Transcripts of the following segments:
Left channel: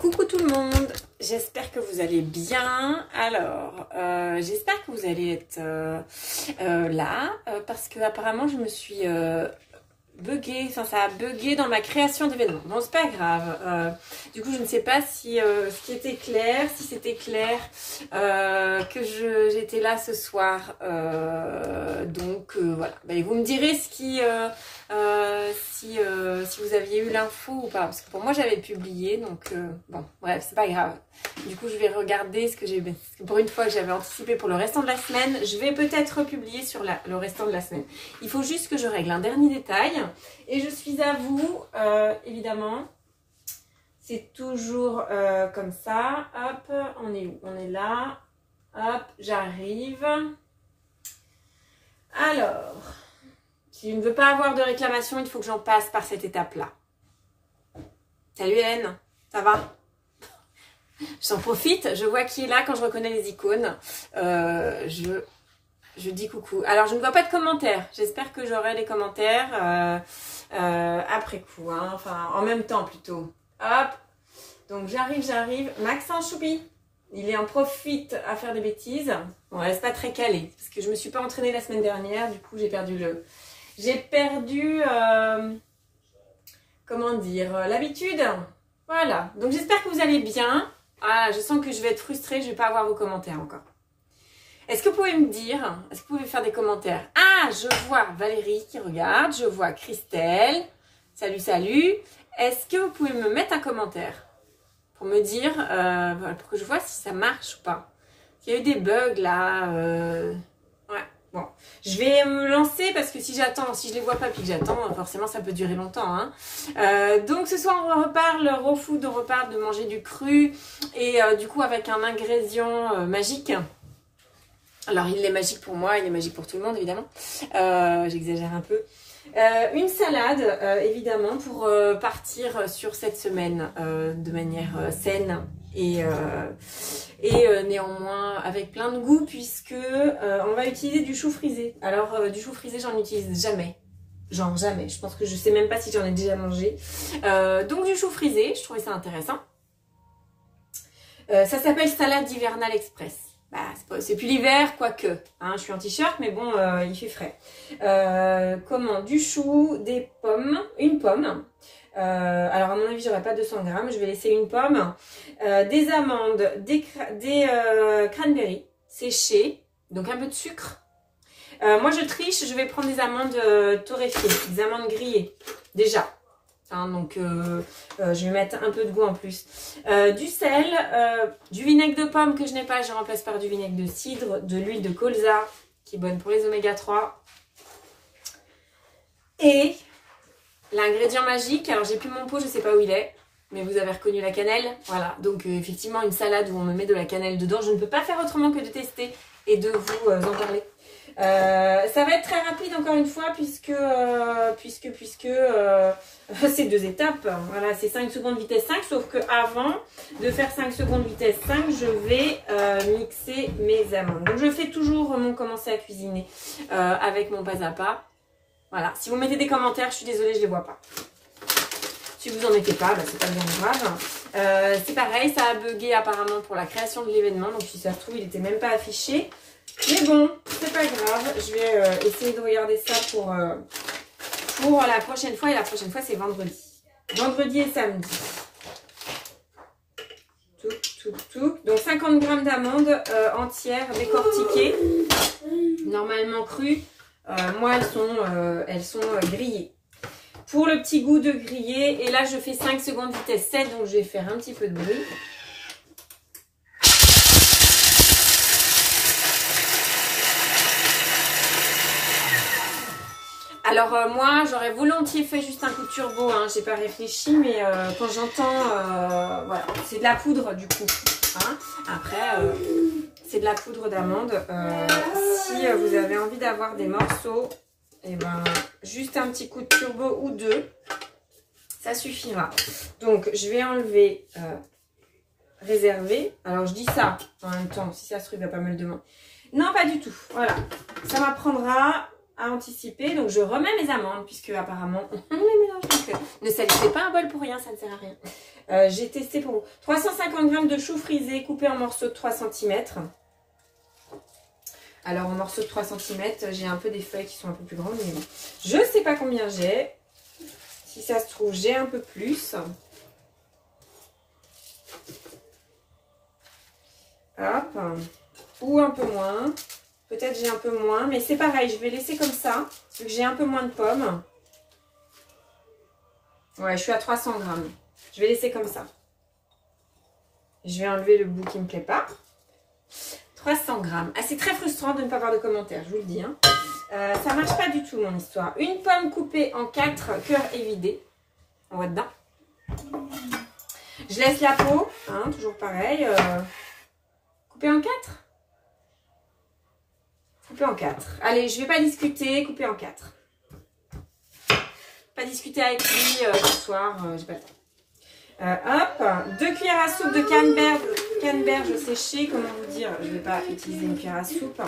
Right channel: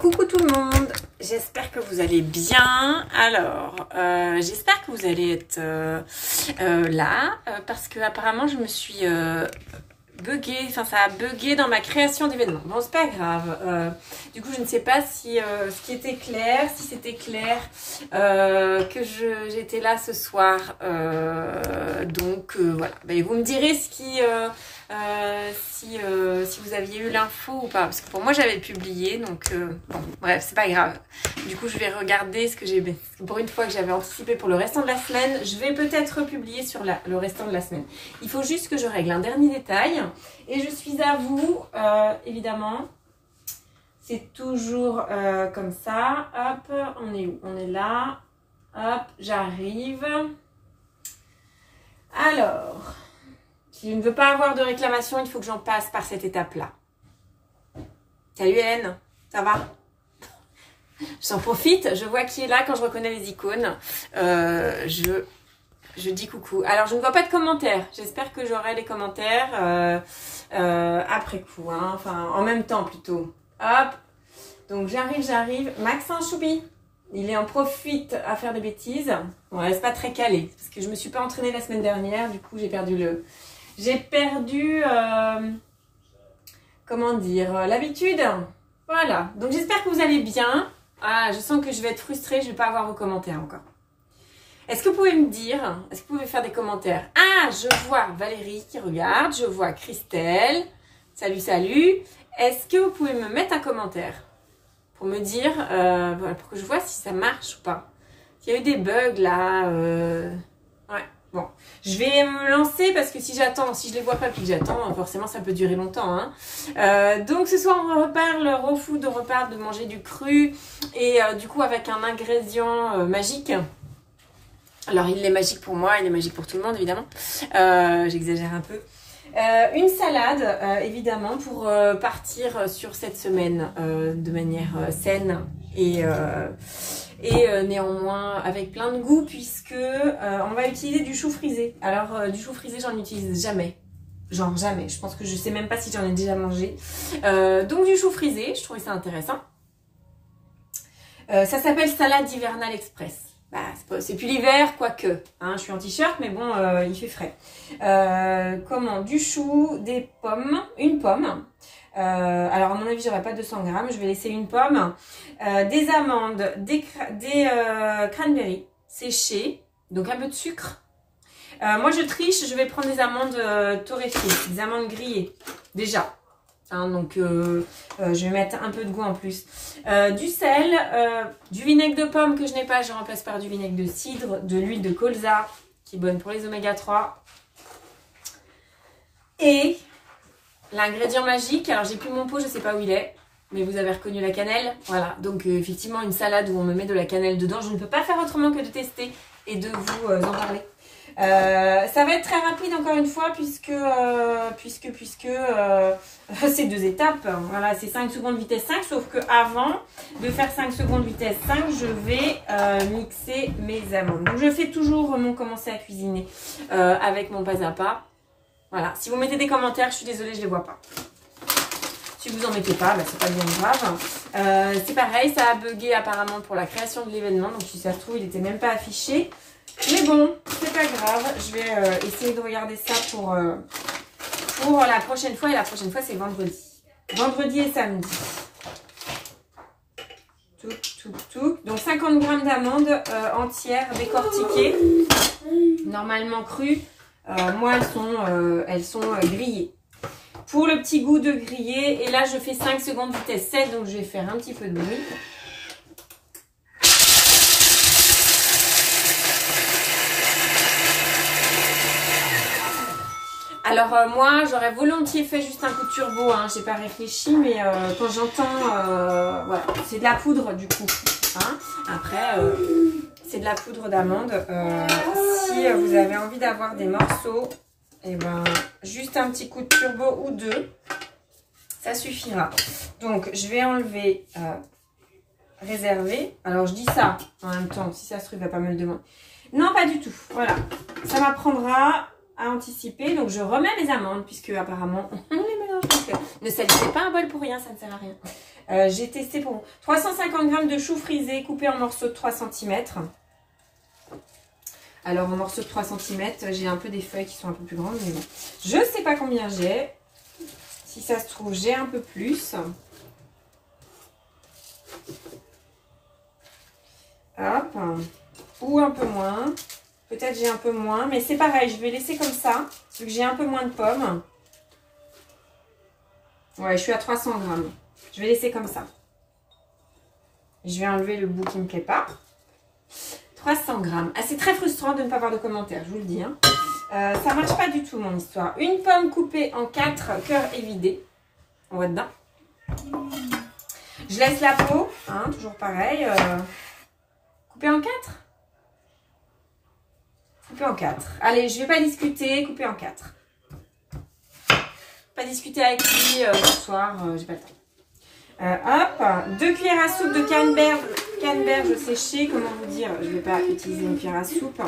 Coucou tout le monde, j'espère que vous allez bien. Alors, j'espère que vous allez être là parce que apparemment je me suis buggée, enfin ça a bugué dans ma création d'événements. Bon, c'est pas grave. Du coup, je ne sais pas si ce qui était clair, si c'était clair que j'étais là ce soir. Donc voilà, ben, vous me direz ce qui si vous aviez eu l'info ou pas, parce que pour moi j'avais publié, donc bon bref, c'est pas grave. Du coup je vais regarder ce que j'ai, pour une fois que j'avais anticipé pour le restant de la semaine, je vais peut-être republier sur le restant de la semaine. Il faut juste que je règle un dernier détail et je suis à vous, évidemment. C'est toujours comme ça. Hop, on est où? On est là. Hop, j'arrive. Alors, si je ne veux pas avoir de réclamation, il faut que j'en passe par cette étape-là. Salut Hélène, ça va? J'en profite, je vois qui est là quand je reconnais les icônes. Je dis coucou. Alors, je ne vois pas de commentaires. J'espère que j'aurai les commentaires après coup, hein. Enfin, en même temps plutôt. Hop, donc j'arrive. Maxence Choubi, il en profite à faire des bêtises. Bon, là, c'est pas très calé, parce que je me suis pas entraînée la semaine dernière, du coup, j'ai perdu comment dire, l'habitude. Voilà, donc j'espère que vous allez bien. Ah, je sens que je vais être frustrée, je vais pas avoir vos commentaires encore. Est-ce que vous pouvez me dire, est-ce que vous pouvez faire des commentaires? Ah, je vois Valérie qui regarde, je vois Christelle. Salut, salut. Est-ce que vous pouvez me mettre un commentaire pour me dire, voilà, pour que je vois si ça marche ou pas? S'il y a eu des bugs là, ouais. Bon, je vais me lancer parce que si j'attends, si je les vois pas puis que j'attends, forcément ça peut durer longtemps, hein. Donc ce soir on reparle raw food, on reparle de manger du cru et du coup avec un ingrédient magique. Alors il est magique pour moi, il est magique pour tout le monde évidemment. J'exagère un peu. Une salade évidemment pour partir sur cette semaine de manière saine et néanmoins avec plein de goût puisque on va utiliser du chou frisé. Alors du chou frisé j'en utilise jamais, genre jamais, je pense que je sais même pas si j'en ai déjà mangé. Donc du chou frisé, je trouvais ça intéressant. Ça s'appelle salade hivernale express. Bah, c'est plus l'hiver, quoique. Hein, je suis en t-shirt, mais bon, il fait frais. Comment? Du chou, des pommes, une pomme. Alors, à mon avis, j'aurai pas 200 grammes. Je vais laisser une pomme. Des amandes, des cranberries séchées. Donc, un peu de sucre. Moi, je triche. Je vais prendre des amandes torréfiées, des amandes grillées. Déjà. Hein, donc, je vais mettre un peu de goût en plus. Du sel, du vinaigre de pomme que je n'ai pas, je remplace par du vinaigre de cidre, de l'huile de colza, qui est bonne pour les oméga 3. Et l'ingrédient magique, alors j'ai plus mon pot, je ne sais pas où il est, mais vous avez reconnu la cannelle. Voilà, donc effectivement une salade où on me met de la cannelle dedans. Je ne peux pas faire autrement que de tester et de vous en parler. Ça va être très rapide encore une fois puisque c'est 2 étapes. Voilà, c'est 5 secondes vitesse 5, sauf que avant de faire 5 secondes vitesse 5, je vais mixer mes amandes. Donc je fais toujours mon commencer à cuisiner avec mon pas à pas. Voilà, si vous mettez des commentaires, je suis désolée, je les vois pas. Si vous en mettez pas, bah, c'est pas bien grave. C'est pareil, ça a bugué apparemment pour la création de l'événement, donc si ça se trouve, il était même pas affiché. Mais bon, c'est pas grave, je vais essayer de regarder ça pour la prochaine fois. Et la prochaine fois, c'est vendredi. Vendredi et samedi. Tout. Donc 50 grammes d'amandes entières, décortiquées, normalement crues. Moi, elles sont grillées. Pour le petit goût de grillé, et là, je fais 5 secondes vitesse 7, donc je vais faire un petit peu de bruit. Alors moi, j'aurais volontiers fait juste un coup de turbo, hein, j'ai pas réfléchi, mais quand j'entends, voilà, c'est de la poudre du coup. Hein. Après, c'est de la poudre d'amande. Si vous avez envie d'avoir des morceaux, et ben juste un petit coup de turbo ou 2, ça suffira. Donc je vais enlever réservé. Alors je dis ça en même temps, si ça se trouve, il va pas me le demander. Non, pas du tout. Voilà, ça m'apprendra à anticiper. Donc je remets mes amandes puisque apparemment on les mélange. Donc, ne salissez pas un bol pour rien, ça ne sert à rien. J'ai testé pour vous. 350 g de choux frisés coupés en morceaux de 3 cm. Alors, en morceaux de 3 cm, j'ai un peu des feuilles qui sont un peu plus grandes, mais bon. Je ne sais pas combien j'ai. Si ça se trouve, j'ai un peu plus. Hop. Ou un peu moins. Peut-être j'ai un peu moins, mais c'est pareil. Je vais laisser comme ça, vu que j'ai un peu moins de pommes. Ouais, je suis à 300 g. Je vais laisser comme ça. Je vais enlever le bout qui ne me plaît pas. 300 g. Ah, c'est très frustrant de ne pas avoir de commentaires, je vous le dis. Hein. Ça marche pas du tout, mon histoire. Une pomme coupée en 4, cœur évidé. On va dedans. Je laisse la peau, hein, toujours pareil. Coupée en 4. Coupée en 4. Allez, je vais pas discuter, coupée en 4. Pas discuter avec lui ce soir, j'ai pas le temps. Hop, 2 cuillères à soupe de canneberge séchée. Comment vous dire? Je vais pas utiliser une cuillère à soupe.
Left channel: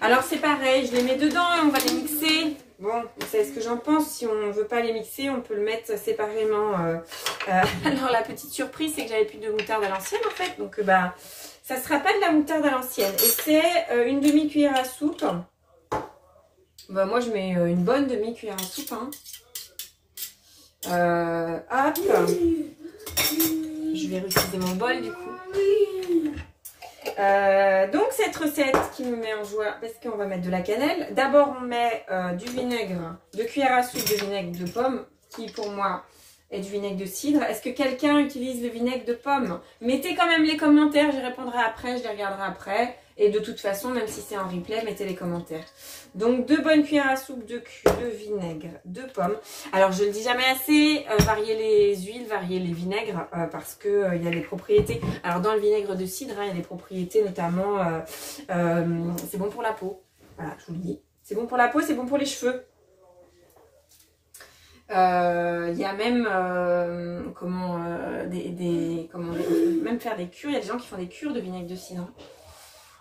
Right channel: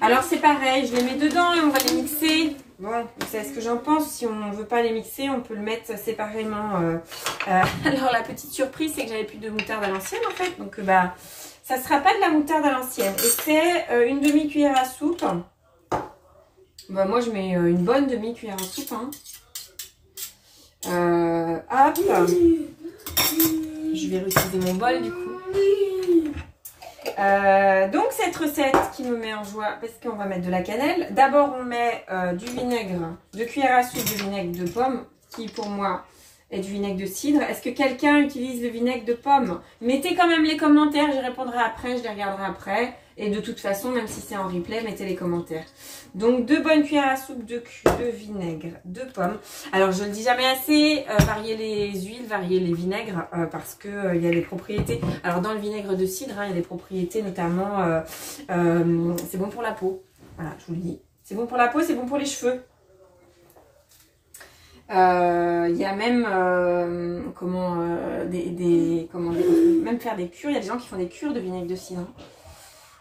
Alors c'est pareil, je les mets dedans et on va les mixer. Bon, vous savez ce que j'en pense. Si on ne veut pas les mixer, on peut le mettre séparément. Alors la petite surprise, c'est que j'avais plus de moutarde à l'ancienne en fait. Donc bah, ça sera pas de la moutarde à l'ancienne. Et c'est une demi-cuillère à soupe. Bah, moi je mets une bonne demi-cuillère à soupe. Hein. Hop, je vais réutiliser mon bol du coup. Donc cette recette qui me met en joie parce qu'on va mettre de la cannelle. D'abord on met du vinaigre, 2 cuillères à soupe de vinaigre de pomme qui pour moi est du vinaigre de cidre. Est-ce que quelqu'un utilise le vinaigre de pomme? Mettez quand même les commentaires, j'y répondrai après, je les regarderai après. Et de toute façon, même si c'est en replay, mettez les commentaires. Donc 2 bonnes cuillères à soupe de vinaigre de pomme. Alors je le dis jamais assez, variez les huiles, variez les vinaigres parce que il y a des propriétés. Alors dans le vinaigre de cidre, hein, il y a des propriétés notamment, c'est bon pour la peau. Voilà, je vous le dis. C'est bon pour la peau, c'est bon pour les cheveux. Il y a même même faire des cures. Il y a des gens qui font des cures de vinaigre de cidre.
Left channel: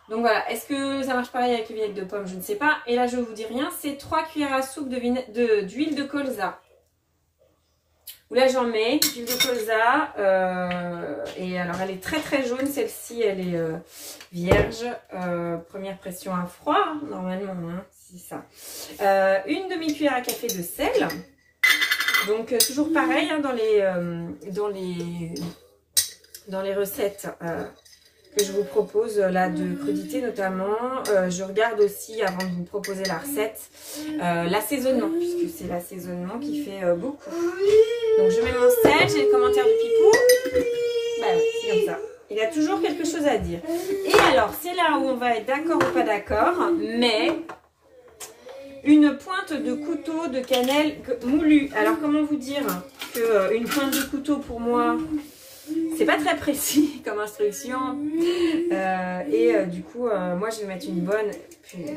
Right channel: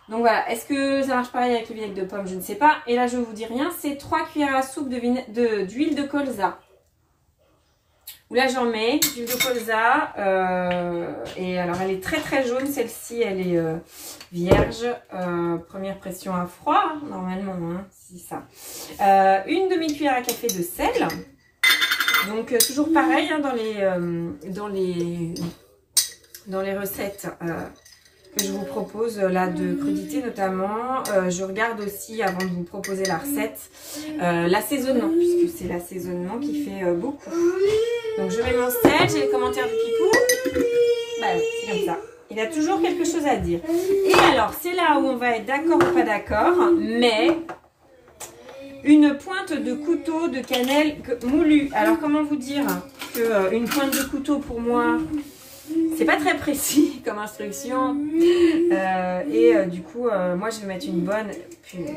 Donc voilà, est-ce que ça marche pareil avec le vinaigre de pomme? Je ne sais pas. Et là, je vous dis rien, c'est 3 cuillères à soupe d'huile de colza. Où là, j'en mets d'huile de colza. Et alors, elle est très très jaune. Celle-ci, elle est vierge. Première pression à froid, normalement. Hein, c'est ça. Une demi-cuillère à café de sel. Donc, toujours pareil hein, dans les recettes que je vous propose là de crudité notamment. Je regarde aussi avant de vous proposer la recette l'assaisonnement puisque c'est l'assaisonnement qui fait beaucoup. Donc je mets mon sel, j'ai les commentaires du pipou. Bah oui, c'est comme ça. Il a toujours quelque chose à dire. Et alors c'est là où on va être d'accord ou pas d'accord, mais une pointe de couteau de cannelle moulue. Alors comment vous dire que une pointe de couteau pour moi c'est pas très précis comme instruction du coup moi je vais mettre une bonne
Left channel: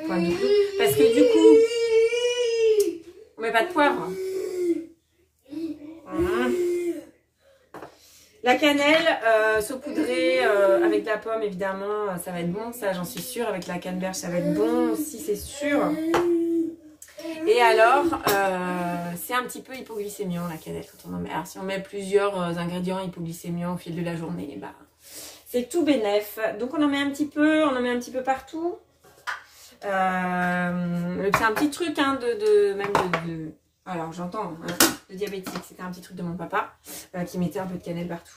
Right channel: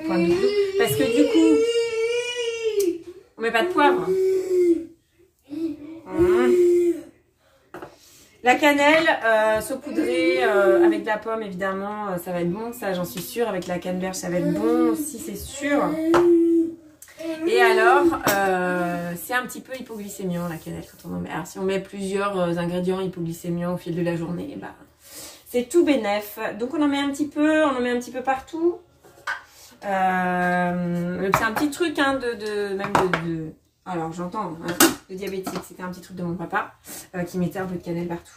pointe de couteau parce que du coup on met pas de poivre. La cannelle saupoudrée avec de la pomme évidemment ça va être bon, ça j'en suis sûre. Avec la canneberge ça va être bon aussi, c'est sûr. Et alors, c'est un petit peu hypoglycémiant la cannelle quand on en met. Alors si on met plusieurs ingrédients hypoglycémiants au fil de la journée, bah, c'est tout bénef. Donc on en met un petit peu, partout. C'est un petit truc hein, alors j'entends, hein, de diabétique, c'était un petit truc de mon papa qui mettait un peu de cannelle partout.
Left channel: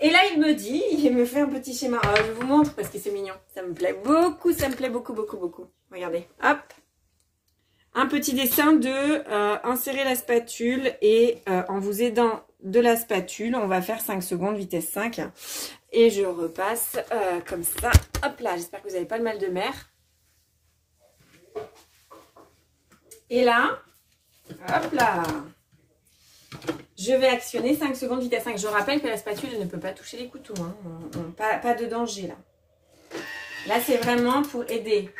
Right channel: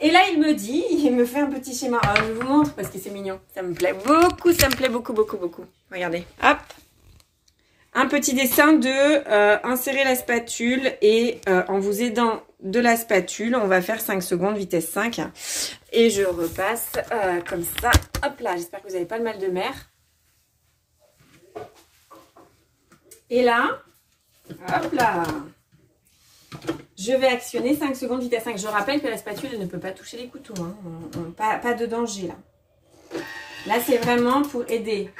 Et là il me fait un petit schéma. Alors, je vous montre parce que c'est mignon. Ça me plaît beaucoup, beaucoup. Regardez, hop. Un petit dessin de insérer la spatule et en vous aidant de la spatule, on va faire 5 secondes, vitesse 5. Et je repasse comme ça. Hop là, j'espère que vous n'avez pas le mal de mer. Et là, hop là, je vais actionner 5 secondes, vitesse 5. Je rappelle que la spatule ne peut pas toucher les couteaux. Hein. Pas de danger là. Là, c'est vraiment pour aider.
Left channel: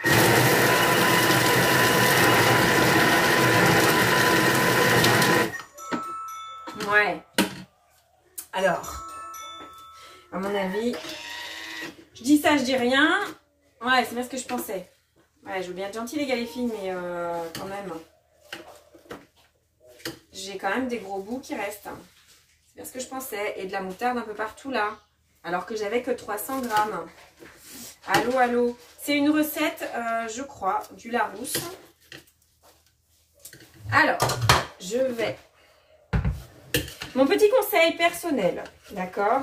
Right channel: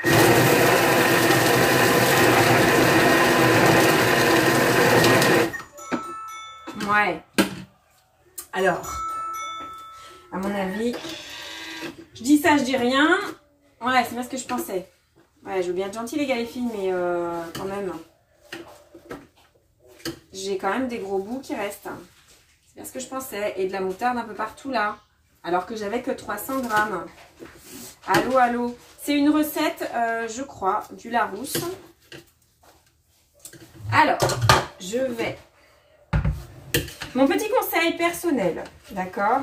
Ouais. Alors, à mon avis, je dis ça, je dis rien. Ouais, c'est pas ce que je pensais. Ouais, je veux bien être gentille les gars les filles, mais quand même. J'ai quand même des gros bouts qui restent. C'est ce que je pensais. Et de la moutarde un peu partout là. Alors que j'avais que 300 grammes. Allô, allô. C'est une recette, je crois, du Larousse. Alors, je vais... Mon petit conseil personnel, d'accord?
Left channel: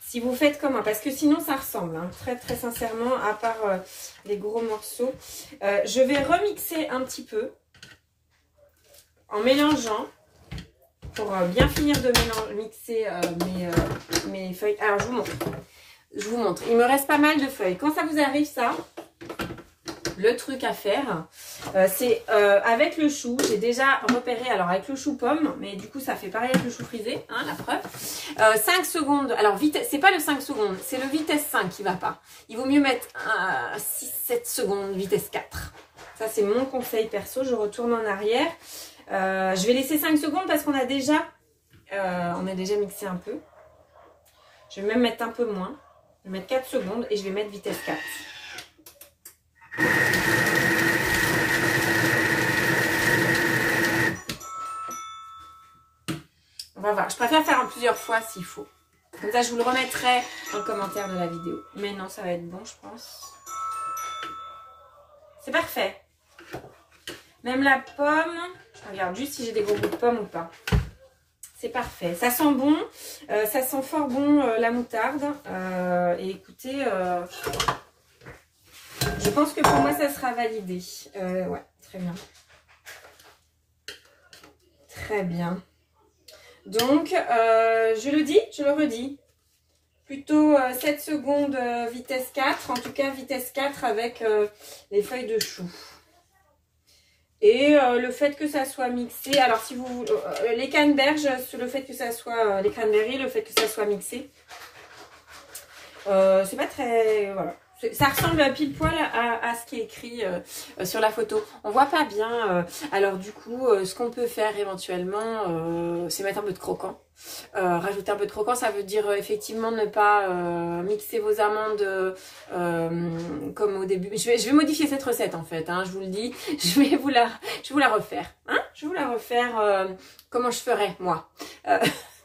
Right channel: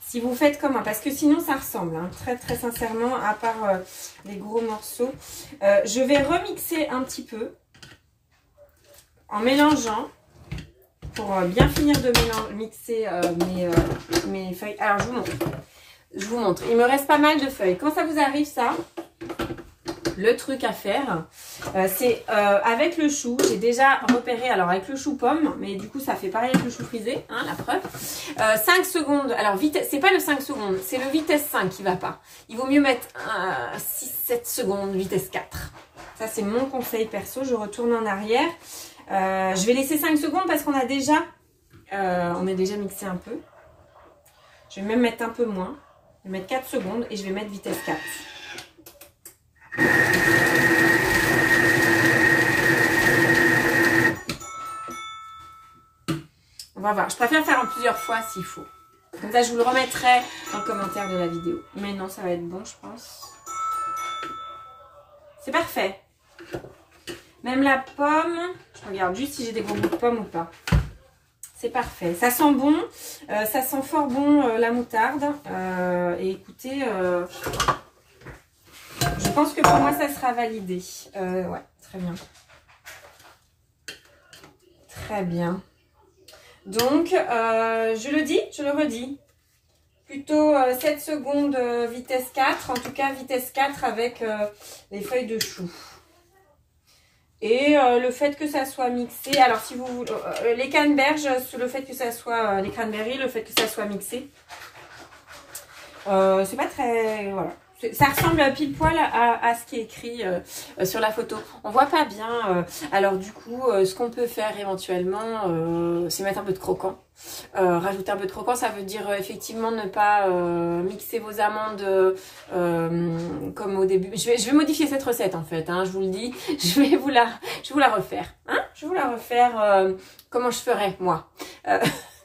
Si vous faites comme moi, parce que sinon ça ressemble, hein, très très sincèrement, à part les gros morceaux. Je vais remixer un petit peu en mélangeant pour bien finir de mixer mes feuilles. Alors je vous montre. Je vous montre. Il me reste pas mal de feuilles. Quand ça vous arrive ça, le truc à faire, c'est avec le chou. J'ai déjà repéré, alors avec le chou pomme, mais du coup ça fait pareil avec le chou frisé, hein, la preuve. 5 secondes, alors vitesse, c'est pas le 5 secondes, c'est le vitesse 5 qui va pas. Il vaut mieux mettre 6-7 secondes, vitesse 4. Ça c'est mon conseil perso, je retourne en arrière. Je vais laisser 5 secondes parce qu'on a déjà mixé un peu. Je vais même mettre un peu moins. Je vais mettre 4 secondes et je vais mettre vitesse 4. On va voir. Je préfère faire en plusieurs fois s'il faut. Comme ça, je vous le remettrai en commentaire de la vidéo. Mais non, ça va être bon, je pense. C'est parfait. Même la pomme, je regarde juste si j'ai des gros bouts de pomme ou pas. C'est parfait. Ça sent bon. Ça sent fort bon la moutarde. Et écoutez, je pense que pour moi, ça sera validé. Ouais, très bien. Très bien. Donc, je le dis, je le redis. Plutôt 7 secondes vitesse 4. En tout cas, vitesse 4 avec les feuilles de chou. Et le fait que ça soit mixé, alors si vous les canneberges, le fait que ça soit les cranberries, le fait que ça soit mixé, c'est pas très, voilà, ça ressemble pile poil à ce qui est écrit sur la photo. On voit pas bien, alors du coup, ce qu'on peut faire éventuellement, c'est mettre un peu de croquant. Rajouter un peu de croquant, ça veut dire effectivement ne pas mixer vos amandes comme au début. Je vais modifier cette recette en fait, hein, je vous le dis. Je vais vous la refaire. Hein, je vais vous la refaire comment je ferais moi.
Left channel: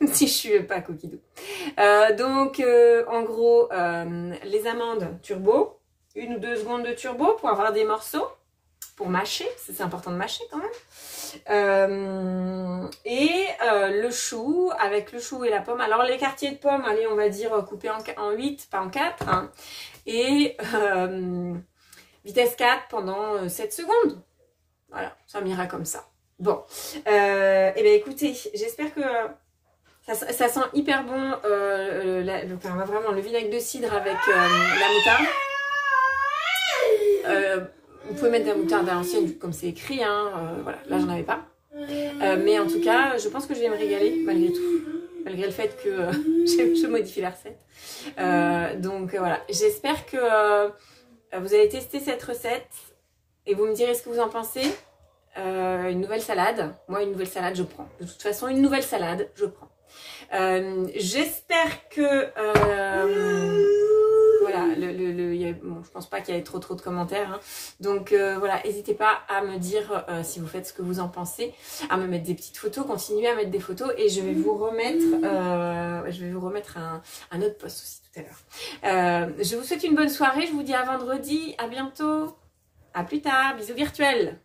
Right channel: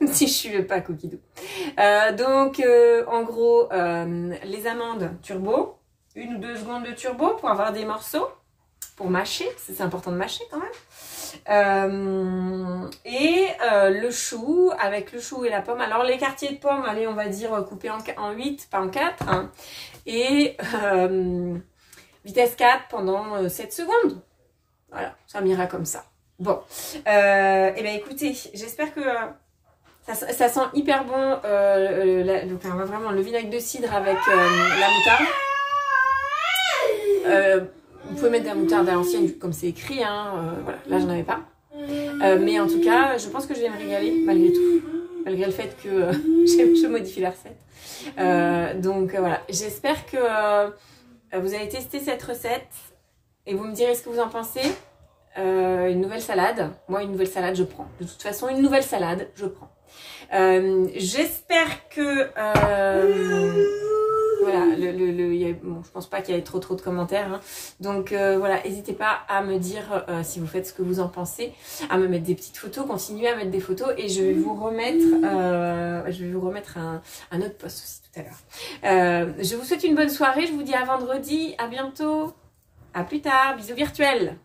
Si je suis pas coquidou. Donc en gros, les amandes turbo, 1 ou 2 secondes de turbo pour avoir des morceaux, pour mâcher, c'est important de mâcher quand même. Le chou, avec le chou et la pomme. Alors les quartiers de pommes, allez, on va dire coupés en 8, pas en 4. Hein. Et vitesse 4 pendant 7 secondes. Voilà, ça m'ira comme ça. Bon, et bien écoutez, j'espère que ça sent hyper bon. Enfin, vraiment le vinaigre de cidre avec la moutarde. Vous pouvez mettre de la moutarde à l'ancienne comme c'est écrit, hein, voilà, là j'en avais pas. Mais en tout cas, je pense que je vais me régaler malgré tout, malgré le fait que je modifie la recette. Donc voilà, j'espère que vous allez tester cette recette et vous me direz ce que vous en pensez. Une nouvelle salade, moi une nouvelle salade je prends. De toute façon, une nouvelle salade, je prends. J'espère que... voilà, bon, je pense pas qu'il y ait trop de commentaires. Hein. Donc voilà, n'hésitez pas à me dire si vous faites ce que vous en pensez, à me mettre des petites photos, continuez à mettre des photos et je vais vous remettre, un autre post aussi tout à l'heure. Je vous souhaite une bonne soirée, je vous dis à vendredi, à bientôt, à plus tard, bisous virtuels.